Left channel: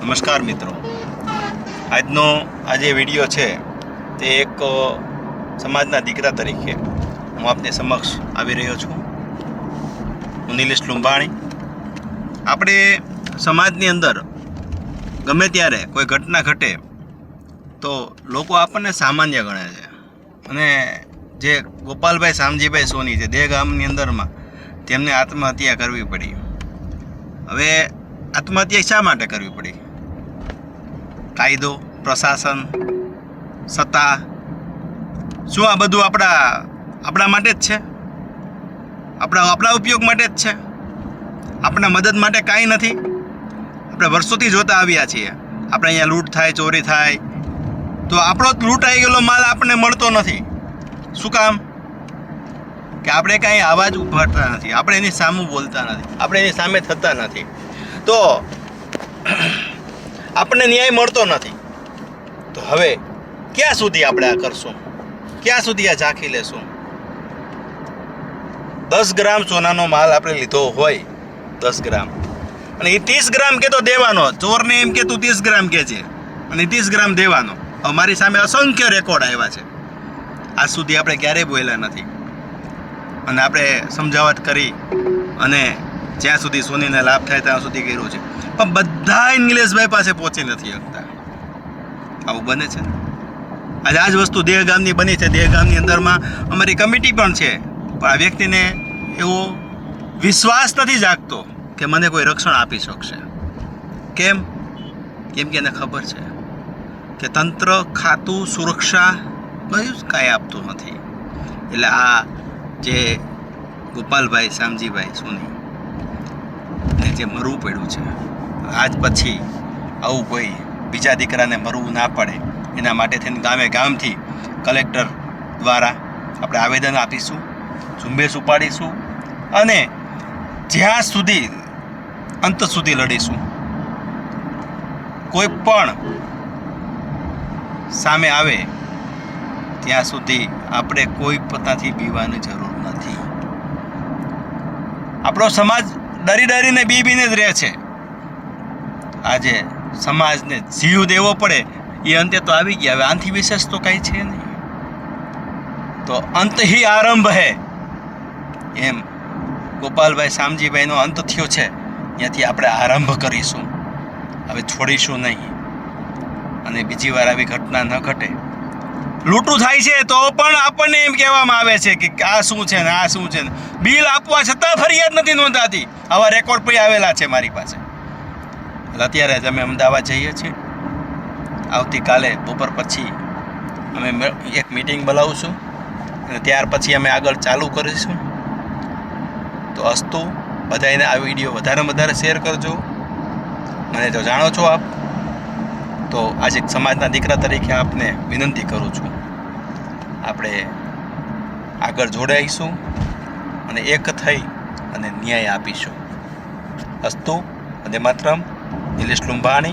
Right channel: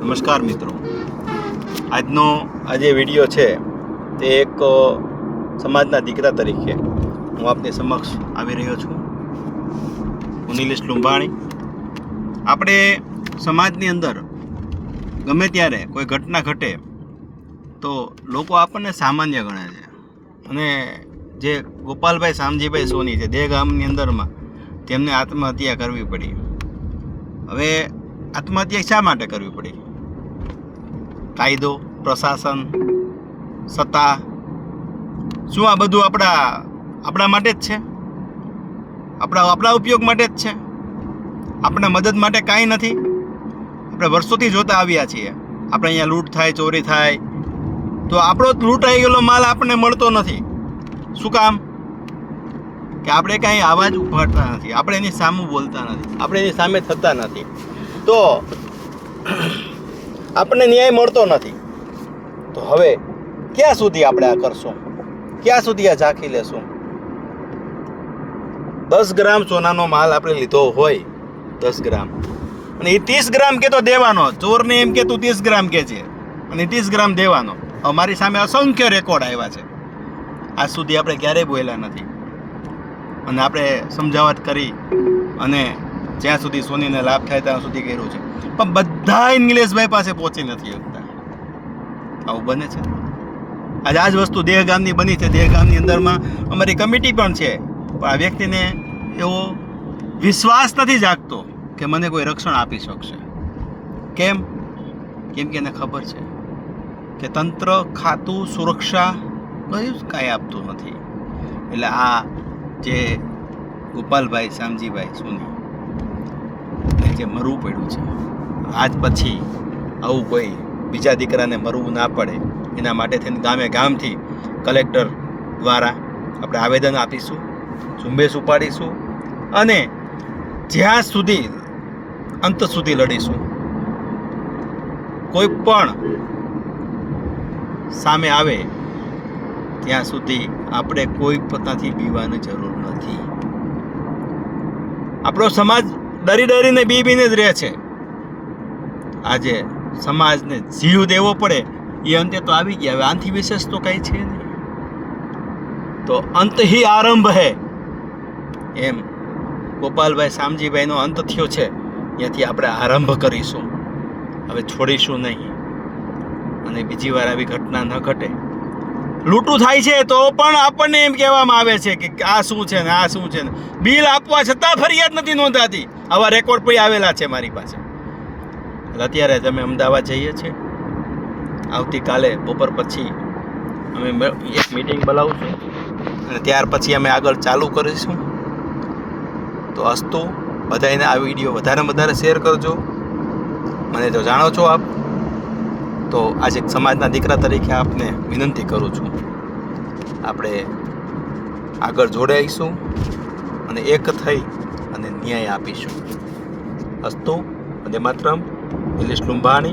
નમસ્કાર મિત્રો, આજનો જે વિડીયો છે તે એક સમાજના દીકરા તરીકે હું આપની સમક્ષ આવી રહ્યો છું. હું નિલેશ લુંબાણી. આપણે સમાજની અંદર ગમે ત્યારે કોઈ ઘટના ઘટે તો લોકો આપણને સામાન્ય ગણે છે, અને જે ગોપાલભાઈ શામજીભાઈ સોની છે દેહ ગામની અંદરમાં તેમને આત્મહત્યા કરવી પડી. હવે આત્મહત્યા શા માટે કરવી પડી? કાયદો, પ્રશાસન, સત્તા, શું આ બધું આપણા માટે જ છે? આપણા ઉપયોગ માટે જ છે? આપણા મદદ માટે કાંઈ નથી? આપણે વર્ષોથી જોતા આવ્યા છીએ. આપણે અહીંયા લૂંટ થાય, ચોરી થાય, તો આપણો લૂંટાઈ ગયેલો માલ આપણને મળતો નથી. શું કામ? કે આપણે કાંઈ અવાજ ઉપાડતા નથી, આપણે એની સામે બોલતા નથી, આપણે એની સામે થતા નથી, તો આપણને ન્યાય મળતો નથી. તો હવે ક્યાં સુધી આપણે આ કરશું? ક્યાં સુધી આ ઝાંખી લેશું? 10 ગ્રામ સોનાનો માલ આપણે લીધો હોય, 10 ગ્રામ, અને એ 30 ગ્રામ કે તો દેવાનો. ચોરને એમ કે તું 30 ગ્રામ કે છે અને 30 ગ્રામ દેવાનો. અમારી સામે અસંખ્ય રેકોર્ડ આવ્યા છે. આજ સુધી આપણે ક્યારેય બોલ્યા નથી, અને આપણે સમજાવટ કરી અને જ્યાં સુધી સોનીને લાભ થાય ત્યાં સુધી કર્યું છે, પણ બધા નિલેશભાઈ પાસે પહોંચી નથી શકતા. આવું બને છે. આજે આ જ વસ્તુ દેહગામની બની છે. દેહગામની અંદરમાં અમારી કમિટી પણ છે, પણ આ વ્યક્તિને એવો વિશ્વાસ નથી જાગતો કે મને કોઈ રક્ષણ આપી શકશે. કેમ? કેમ કે એને ખબર છે કે તંત્ર, ખાતું, સુરક્ષા બધું જ કાંઈ આપતું નથી. એટલે આ જે ગોપાલભાઈ શામજીભાઈ સોની ને જે મરવું પડ્યું છે, આજ પછી આવું કોઈ બીજા દીકરાને મરવું ના પડે એના માટે થઈને ગામથી કલેક્ટર દ્વારા આપણે આવેદન આપીશું, ઝુંબેશ ઉપાડીશું, અને જ્યાં સુધી અંત સુધી લડીશું. કોઈ પણ સામે આવે ત્યાં સુધી આપણે કોઈ પોતાથી બીવાની જરૂર નથી. આપણો સમાજ ડરીને બીને જ રહે છે. આજે સમાજને જીવ દેવો પડે એ અંતે તો આવી ગયા. હવે આનાથી વિશેષ તો કાંઈ છે નહીં. તો અંત હી આરંભ હે, એમ ગોપાલભાઈ શામજીભાઈનો અંત થયો છે, ત્યાંથી આપણે આરંભ કરીશું. હવે છોડીશું નહીં, અને બીજી વાર આવી ઘટના ન ઘટે. લૂંટું થાય છે તો પણ આપણને એમ કહેવામાં આવે છે કે આ શું છે ને આ શું છે ને, બિલ આપવા છતાં ફરિયાદ નથી નોંધાતી. આવા રેકોર્ડ પણ આવેલા છે મારી પાસે. અત્યારે જ અમે અમદાવાદ જઈએ છીએ. આવતીકાલે બપોર પછી અમે એક મિટિંગ બોલાવીશું, અને ત્યાર પછી અમે આગળ ચાલુ કરીશું. તો અસ્તુ, બધાને આ વિડીયો વધારે શેર કરજો. મને તો જાણો છો આપ, તો આજે સમાજના દીકરા તરીકે આપને વિનંતી કરું છું, આપણે આગળ જોડાઈશું અને એક થઈ અને ન્યાય આપીશું. અસ્તુ, વંદે માતરમ. નિલેશ લુંબાણી.